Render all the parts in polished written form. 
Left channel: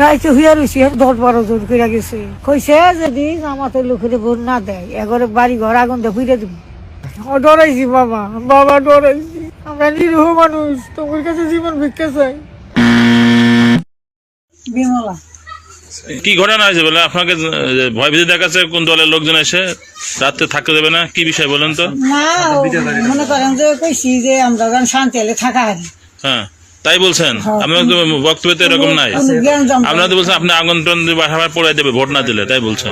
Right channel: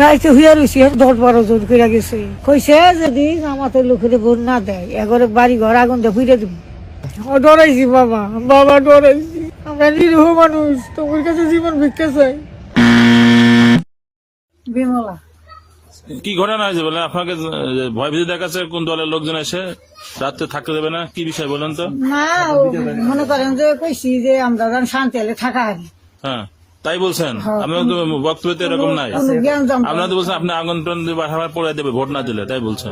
রাইতে হইয়া রয়েছি 10-12 জন করে গেছে, কইছে যদি আমাদের লোকের ভোট না দেয় এগরে বাড়ি ঘর আগুন দিয়ে ফিরে দিব। ডরাইছি বাবা, বাবা ডরাইছি। আমরা নিরীহ মানুষ, তোমার কাছে জীবন ভিক্ষা চাই। বিমলা কি ঘটনা হয়েছে বলে আপনাকে ভয় ভীতি দেখাচ্ছে? কোন দলের লোকজন এসে রাত্রে থাকতে দেবে না, কি বিষয় বলেন তো? না মনে করেন যে কইছি যে আমরা শান্তি হলে থাকা হারি। হ্যাঁ তাই বলছেন? আপনার তো বক্তব্য তো এরকম নাই। আপনারা তো বলছেন আপনি আগুন টান বাসায় পড়াই দেবে ভোট না দিলে, তাই বলছেন?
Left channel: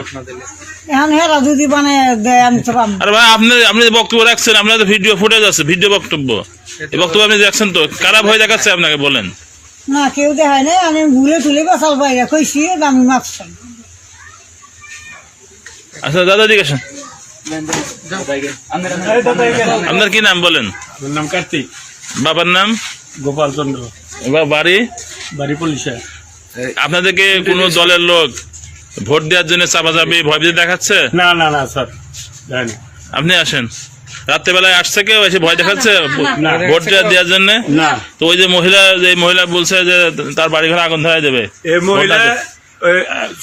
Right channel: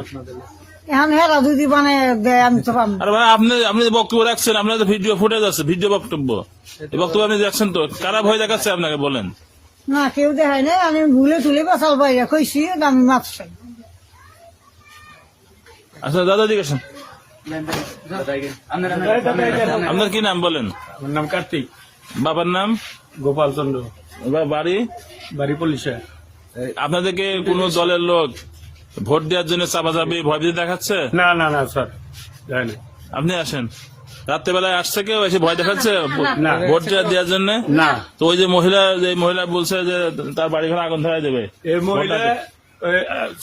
এখন হেরা যদি মানে দেয় আমি তো পাবো। আরে ভাই আপনি বক্তব্য রাখছেন, আপনার তো ভিডিও ফুটেজ আছে, ভিডিও বক্তব্য, এই বক্তব্য আপনি রাখছেন তো, কারা ভয় দেখাচ্ছে আপনাকে বলেন? না কেউ দেখায় নাই, আমি ভুলে তুলে বাসাল বাইরে কইছি আমি মাছ চাই। আচ্ছা দাদা জিজ্ঞেস, আপনার কি নাম বলেন? নাম কার্তিক। বাবার নাম? গোপাল চন্দ্র। বাড়ি? বাড়ি পুলিশে। আপনাদেরকে কোন দলের লোক ভোট দেওয়ার জন্য চাপাচাপি ভয় ভীতি দেখাচ্ছে? না না না স্যার, যাইনি। আপনি আসেন, রাত্রেবেলায় আসছে কেউ এসে ভয় দেখাচ্ছে ভোট দেওয়ার জন্য? না। তো ওই যে মহিলা বলছে যে তার বাড়ি ঘরে আগুন ধরাই দেবে, এই মহিলা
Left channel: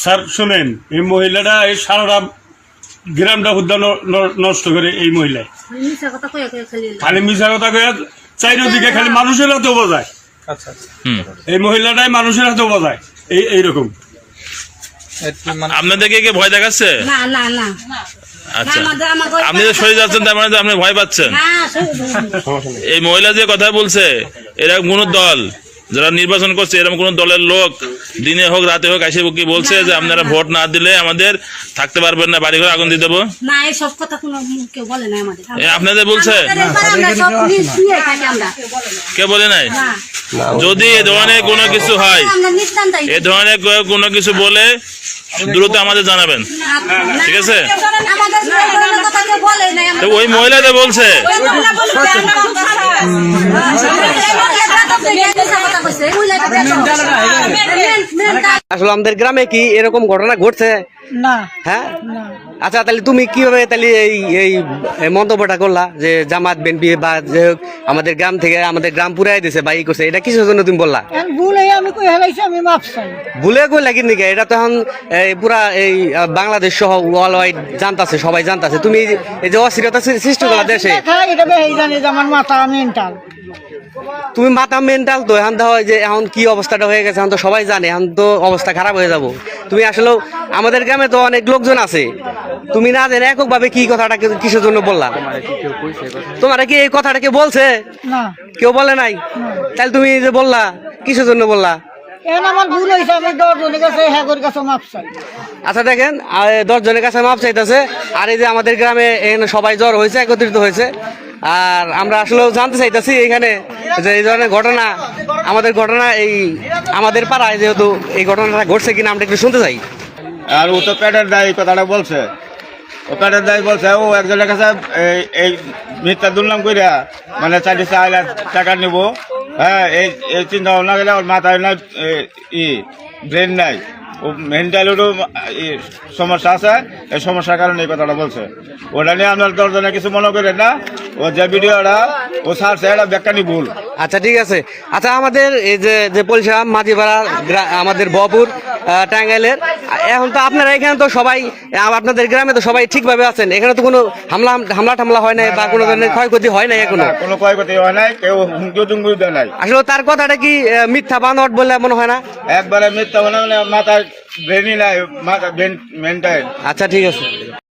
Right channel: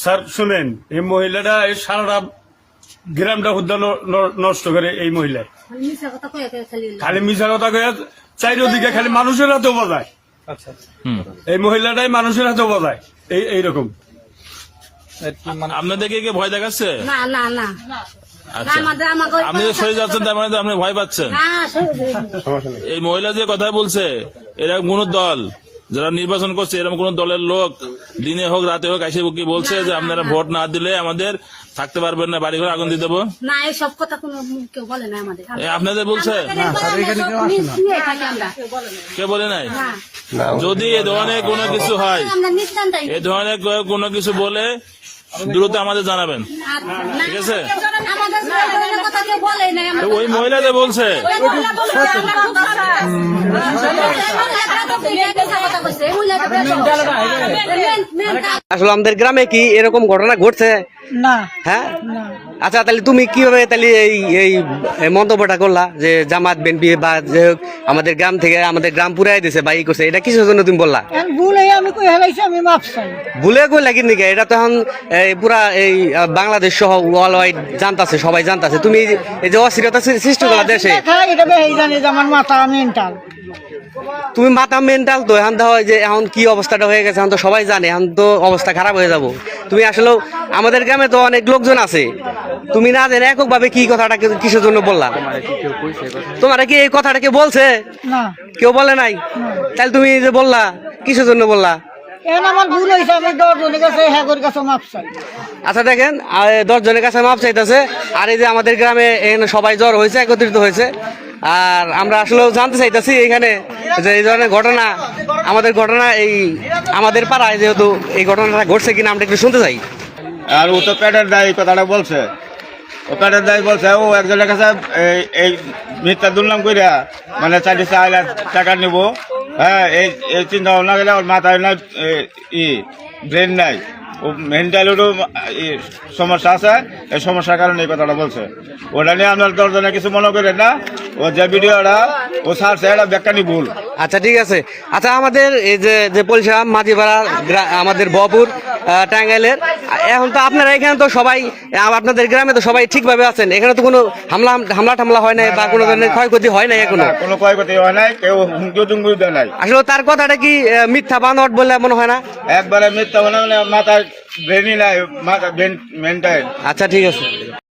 স্যার শোনেন, এই মহিলাটা এই সারা গ্রামটা উদ্যান নষ্ট করে। এই মহিলা খালি মিশা কথা কয়ে চারিদিকে খালি মানুষের হাতে বোঝায়। আচ্ছা এই মহিলাটাই মানুষের হাতে বোঝায় এইরকম। আপনাদেরকে কে ভয় দেখাচ্ছে? না না না। আচ্ছা আপনি যে সরে যাচ্ছেন তার মানে আপনি ভয় পাচ্ছেন? এই মহিলা যে কথা বলছে, এরা কোন দল যারা নির্বাচন করছে এরকম কোন দলের লোক দিনে হোক রাতে হোক এসে কি বলছে যে আপনারা ভোট না দিলে আমাদের থাকতে পারবেন না, বাড়ি ঘরে আগুন দিয়ে দেবো? না এই সব কথা কোনো কেউ বলে না আমাদের। আপনাদের বলছে? কে বলে নাই? যদি এ ধরনের কোনো কিছু হয়, এ ধরনের কোনো কিছু বলে দ্রুত আমাদের জানাবেন, ঠিক আছে? তো ওই মহিলাটা বলছে আসলে আমাদের গ্রামে কি এরকম ঘটনা ঘটছে না। হ্যাঁ আচ্ছা, তাহলে তুমি কিভাবে তাহলে এই মন্তব্যটা করলা যে জামাত বিএনপি বা যে হোক আমাদের গ্রাম থেকে আমাদের গ্রাম পুরাই দিছে বা ই করছে, এটা কিসের জন্য তুমি বললা? ভুলে আমি কই হেলাইছি, আমি মাপ চাই। ভুলে কই লাগি নাকি? এটা তো এখন পুরা এই বাংলাদেশ সহ ওয়ার্ল্ড ওয়াইড জানতাছে, সবাই জানতাছে তুমি এই যে অস্থিরতা সৃষ্টি করলা দেশে। এটা বেশি জানি যে আমার মাথা মেন্টাল। তুমি মাথা মেন্টাল তো এখন দেখা হয় যে এখন কি অবস্থাটা হয়ে গেছে, এখন তো সবাই জানে, এখন তো অবস্থা খারাপ হয়ে যাব। তুমি আসলে আমাদের গ্রামে তো অনেক লোকজন আছে, তুমি না জানে এককভাবে কি কথাটা কিসের জন্য বললা? তোমার কি এই কথাটা কে বলছে? না কেউ বলে নাই। তাহলে তুমি যে বললা কিসের জন্য বললা? এখন আমার ভুল হয়েছে, আমি 10 জনের কাছে হ্যাগর কাছে মাপ চাই। আচ্ছা দেখেন 10 জনের কাছে মাপ চাইতেছে, আর এই যে আমাদের গ্রামে এখানে সবাই জ্বর হয়েছে, একত্রিত হয়েছে, আর আমরা আসলে জানতে চাইতেছি এখানে যে এই ধরনের ঘটনা এই আমাদের পাড়ায় যেহেতু এই ঘটনাটা ঘটছে কিনা আমরা একটু শুনতে চাই। আর ও তো পেটের দায় কথাটা বলছে, ও পেটের দায় বলছে। ও একজনের কাছে এই মিথ্যা দুর্নাম করিয়া মানে 4 লাখ টাকা নিব। হ্যাঁ এই চিন্তা ভাবনা গেলে ওর মাথায় নাই ব্রেন নাই, ও মেন্টালেরও সমস্যা আছে। এই সমস্যার কারণে এই কথাটা বলছে। ওটা নিয়ে আপনার 10 জনে কিছু মনে করেন না। ও যে ভিডিওটা ও ছাড়ছে এটা ব্যাখ্যানি ভুল। আচ্ছা ঠিক আছে। আচ্ছা আমাদের এই যে পরিষা মাঝিপাড়া আমাদের বপুর টাঙ্গাইলের, এখন তো আপনারা এখানে তো সবাই আপনাদের গ্রামে তো সবাই ঠিকভাবে আছেন, এখানে তো কোনো হামলা টামলা হয় নাই বা কোনো ধরনের ক্ষয়ক্ষতি হয় নাই? এখনো কোনো ক্ষয়ক্ষতি হয় নাই, কেউ হুমকি টুমকি দেয় নাই। আসলে তার কথাটা কি মিথ্যা বানোয়াট বলে মনে হয় না? একবারে মিথ্যা মানে মাথায় ব্রেনই নাই, মাথা ব্রেন মেন্টাল। আচ্ছা ঠিক আছে।